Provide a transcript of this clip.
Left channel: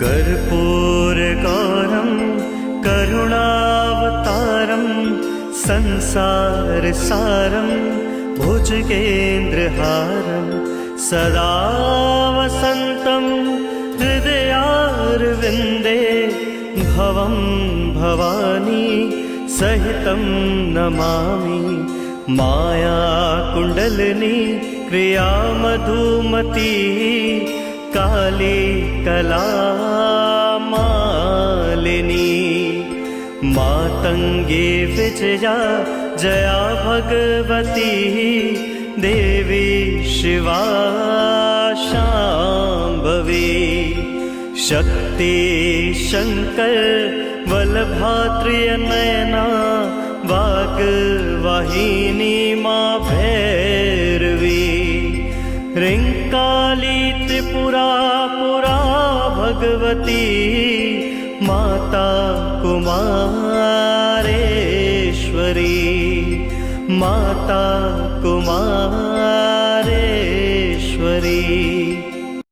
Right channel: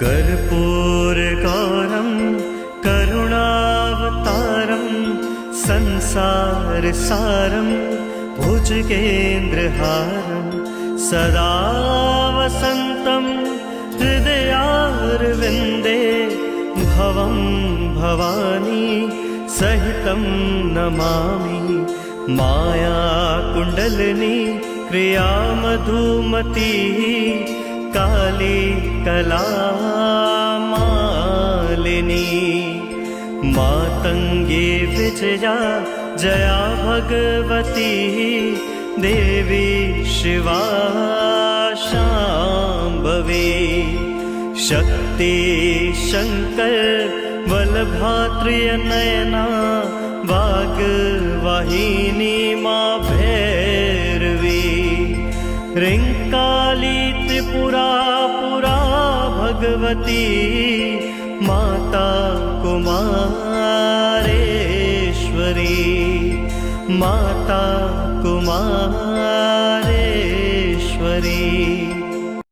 कर्पूरगौरं करुणावतारं संसारसारं भुजगेन्द्रहारं सदा वसन्तं हृदयारविन्दे भवं भवानी सहितं नमामि। मायाकुण्डलिनी क्रियामधुमती काली कलामालिनी मातङ्गी विजया जया भगवती देवी शिवा शाम्भवी। शक्ति शङ्कर बलभात्र्यनयना वाग्वाहिनी मा भैरवी। ह्रीङ्काली त्रिपुरा पुरा भगवती माता कुमारेश्वरी माता कुमारेश्वरी।